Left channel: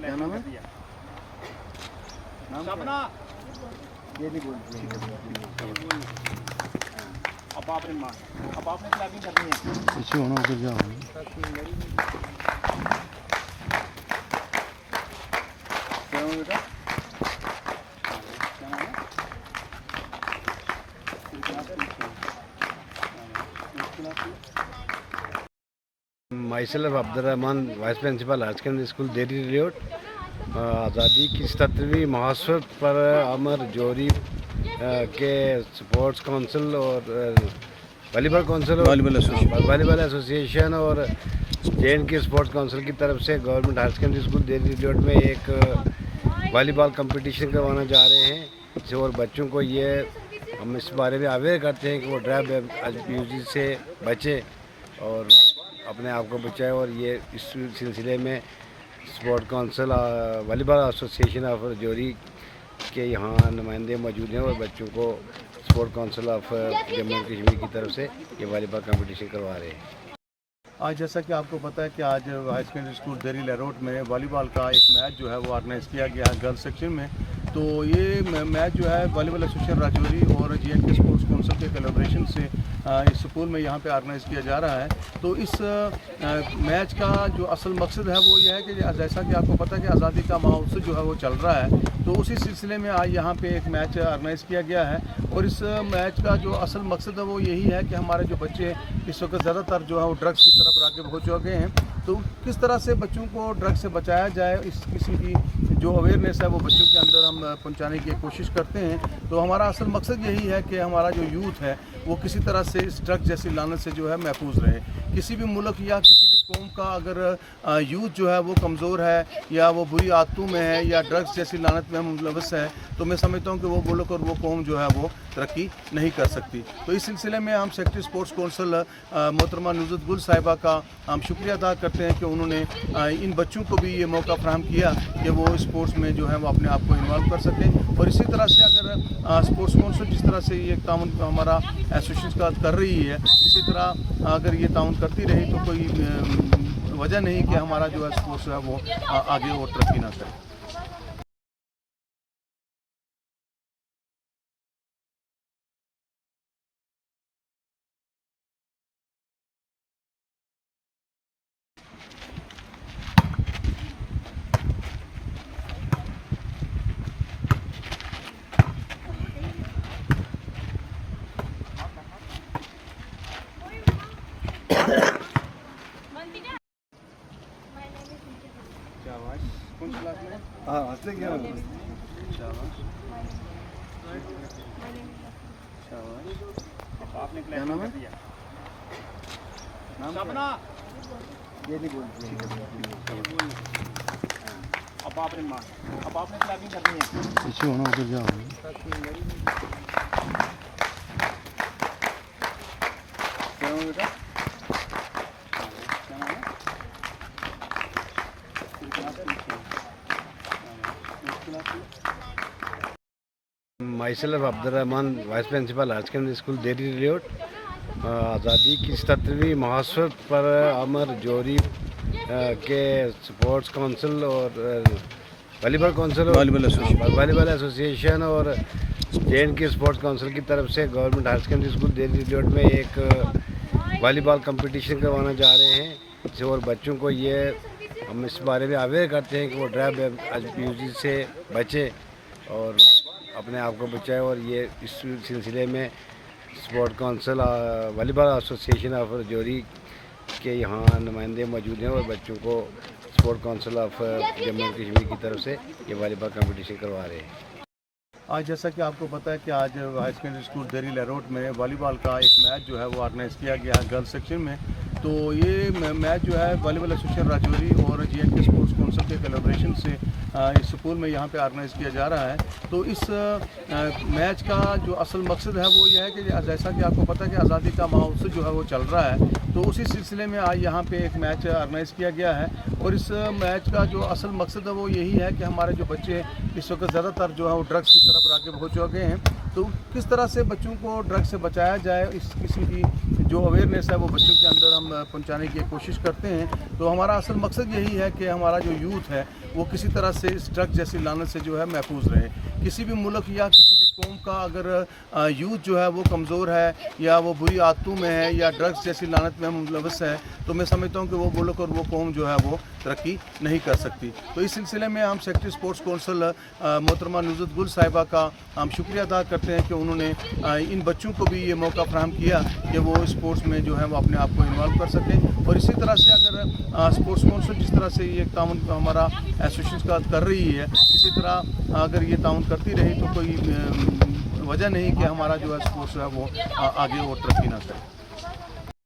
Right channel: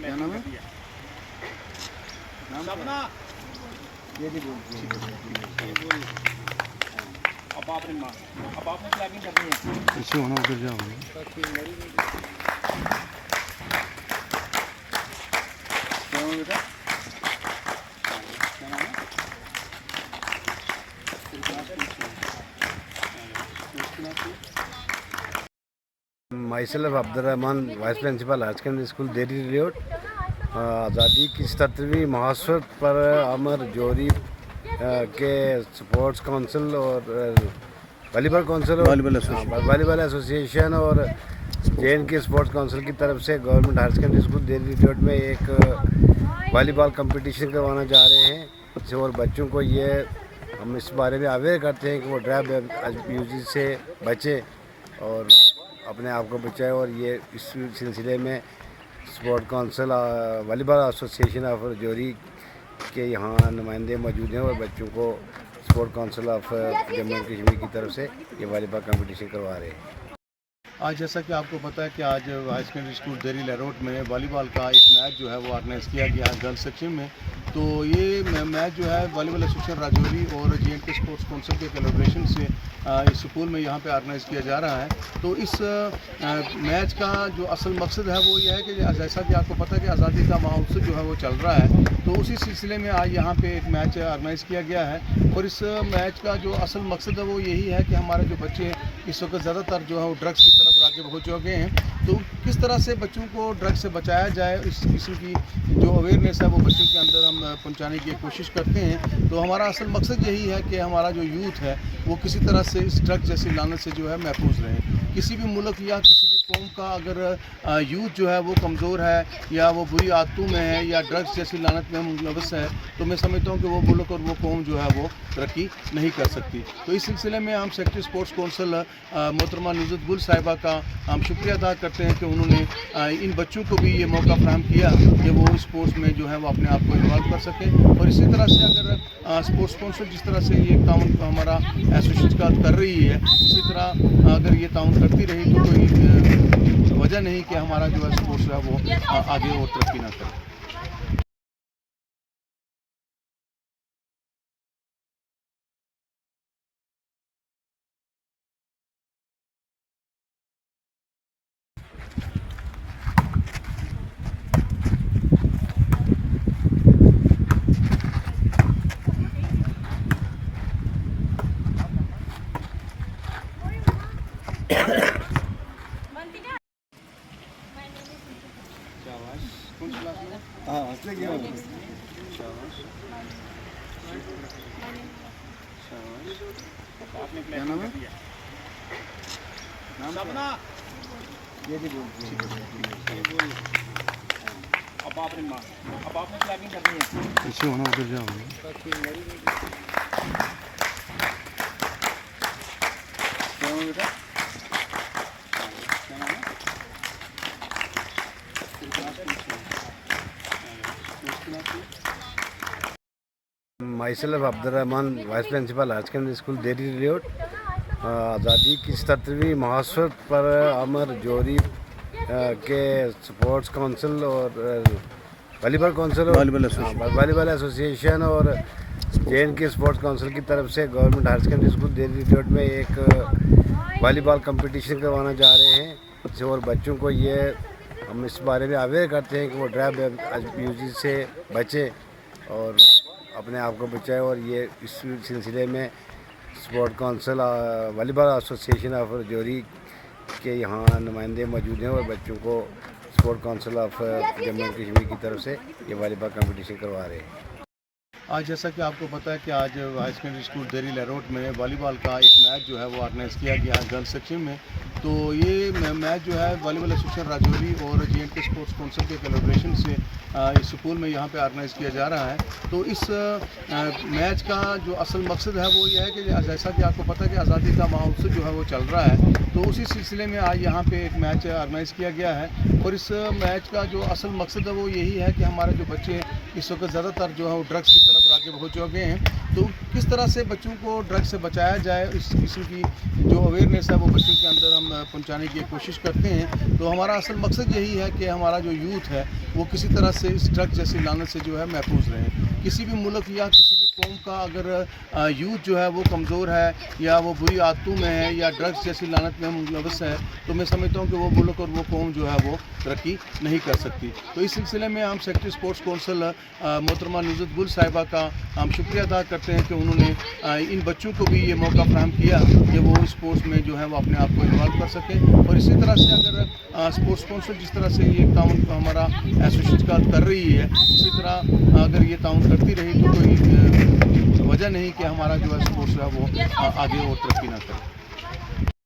क्या नाम है? अब आपने प्लानिंग करनी है। इसी होना उधर जाओ। क्या हुआ बेटा? Myself Abdurrahman, Vice Principal higher secondary school देरी रोड। आज़ादी की 77वीं महोत्सव पर अमर जोरी के स्पोर्ट्स काउंसिल और वॉलीबॉल एसोसिएशन और JNK स्पोर्ट्स काउंसिल की तरफ से गवर्नमेंट हायर सेकेंडरी स्कूल देरी रोड में एक वॉलीबॉल कंपटीशन करवाना जा रहे हैं। और बच्चों को ये हम इस बारे में अवेयर करते हैं कि वो ड्रग अब्यूज से बचे और अपने आप को बचाए। और ये इस सिलसिले में sport council volleyball association of जोरी के यहाँ नुमाइंदे मौजूद हैं और बच्चों को sport council of Jammu and Kashmir की तरफ से ये वॉलीबॉल कंपटीशन करवा रहे हैं। आज जैसा कि आपको पता है कि आज हायर सेकेंडरी स्कूल देरी लरोट में वॉलीबॉल का एक मैच जो है वो ऑर्गेनाइज़ किया गया है गर्ल्स सेक्शन में। तो ये मैच जो है वॉलीबॉल एसोसिएशन राजौरी और JNK स्पोर्ट्स काउंसिल के कोलैबोरेशन से इस स्कूल में यहाँ पे ऑर्गेनाइज़ किया जा रहा है। तो इस मैच का जो असल मकसद है वो ये है कि जैसा कि आपको पता है कि आज़ादी का महोत्सव जो है वो चल रहा है, तो उसी सिलसिले में आज यहाँ पे एक मैच ऑर्गेनाइज़ किया गया है। और इस मैच का जो असल मकसद है वो यही है कि हमारे जो बच्चे इस वक्त ज़्यादातर जो है वो ड्रग्स की तरफ राग़िब हो चुके हैं, तो किस तरह से बच्चों को ड्रग्स से बचाया जाए, इस किस्म की जो अवेयरनेस है वो बच्चों के अंदर हम पहुंचाने की कोशिश करते हैं। तो हमारा असल मकसद यही है कि हमारा जो यूथ है वो किसी तरह से इस ड्रग्स जैसी लानत से जो है महफूज रहे। किसी भी मुल्क या किसी भी कौम का अगर यूथ जो है वो कमज़ोर है या वो बुरी आदतों में है या ड्रग्स जैसी लानत में मुलव्वस है, तो मैं समझता हूँ कि वो मुल्क और वो कौम जो है वो तरक्की नहीं कर सकती। तो इस सिलसिले में हम सेक्रेटरी स्पोर्ट्स काउंसिल मोहतरमा नुज़रत गुल साहिबा का हम शुक्रिया अदा करते हैं कि उन्होंने इन बच्चों को भी ये मौका फराहम किया कि वो स्पोर्ट्स में जो है वो अपने आप को इन्वॉल्व कर सकें। और इसी तरह से अगर स्पोर्ट्स काउंसिल जिस तरह से ये ताउन हमारा एसोसिएशन का कर रही है, इसी तरह अगर ये ताउन करती रही तो कोई वजह नहीं कि हमारा जो है स्पोर्ट्स है वो आगे और तरक्की ना करे। कौन सी क्लास में? हाँ हंसने क्या आपने क्या नाम है? ये नहीं अब आपने प्लानिंग करनी है। इसी होना उधर जाओ। क्या हुआ बेटा? Myself Abdurrahman, Vice Principal higher secondary school देरी रोड। आज़ादी की 77वीं महोत्सव पर अमर जोरी के स्पोर्ट्स काउंसिल और वॉलीबॉल एसोसिएशन और JNK स्पोर्ट्स काउंसिल की तरफ से गवर्नमेंट हायर सेकेंडरी स्कूल देरी रोड में एक वॉलीबॉल कंपटीशन करवाना जा रहे हैं। और बच्चों को ये हम इस बारे में अवेयर करते हैं कि वो ड्रग अब्यूज से बचे और अपने आप को बचाए। और ये इस सिलसिले में sport council volleyball association of जोरी के यहाँ नुमाइंदे मौजूद हैं और बच्चों को sport council of Jammu and Kashmir की तरफ से ये वॉलीबॉल कंपटीशन करवा रहे हैं। आज जैसा कि आपको पता है कि आज हायर सेकेंडरी स्कूल देरी लरोट में वॉलीबॉल का एक मैच जो है वो ऑर्गेनाइज़ किया गया है गर्ल्स सेक्शन में। तो ये मैच जो है वॉलीबॉल एसोसिएशन राजौरी और JNK स्पोर्ट्स काउंसिल के कोलैबोरेशन से इस स्कूल में यहाँ पे ऑर्गेनाइज़ किया जा रहा है। तो इस मैच का जो असल मकसद है वो ये है कि जैसा कि आपको पता है कि आज़ादी का महोत्सव जो है वो चल रहा है, तो उसी सिलसिले में आज यहाँ पे एक मैच ऑर्गेनाइज़ किया गया है। और इस मैच का जो असल मकसद है वो यही है कि हमारे जो बच्चे इस वक्त ज़्यादातर जो है वो ड्रग्स की तरफ आगे हो चुके हैं। तो किस तरह से बच्चों को ड्रग्स से बचाया जाए, इस किस्म की जो अवेयरनेस है वो बच्चों के अंदर हम पहुंचाने की कोशिश करते हैं। तो हमारा असल मकसद यही है कि हमारा जो यूथ है वो किसी तरह से इस ड्रग्स जैसी लानत से जो है महफूज रहे। किसी भी मुल्क या किसी भी कौम का अगर यूथ जो है वो कमज़ोर है या वो बुरी आदतों में है या ड्रग्स जैसी लानत में मुलव्वस है, तो मैं समझता हूँ कि वो मुल्क और वो कौम जो है वो तरक्की नहीं कर सकती। तो इस सिलसिले में हम सेक्रेटरी स्पोर्ट्स कौंसिल मोहतरमा नुज़रत गुल साहिबा का हम शुक्रिया अदा करते हैं कि उन्होंने इन बच्चों को भी ये मौका फराहम किया कि वो स्पोर्ट्स में जो है वो अपने आप को इन्वॉल्व कर सकें। और इसी तरह से अगर स्पोर्ट्स कौंसिल जिस तरह से ये ताउन हमारा एसोसिएशन का कर रही है, इसी तरह अगर ये ताउन करती रही तो कोई वजह नहीं कि हमारा जो है स्पोर्ट्स है वो आगे और तरक्की ना करे।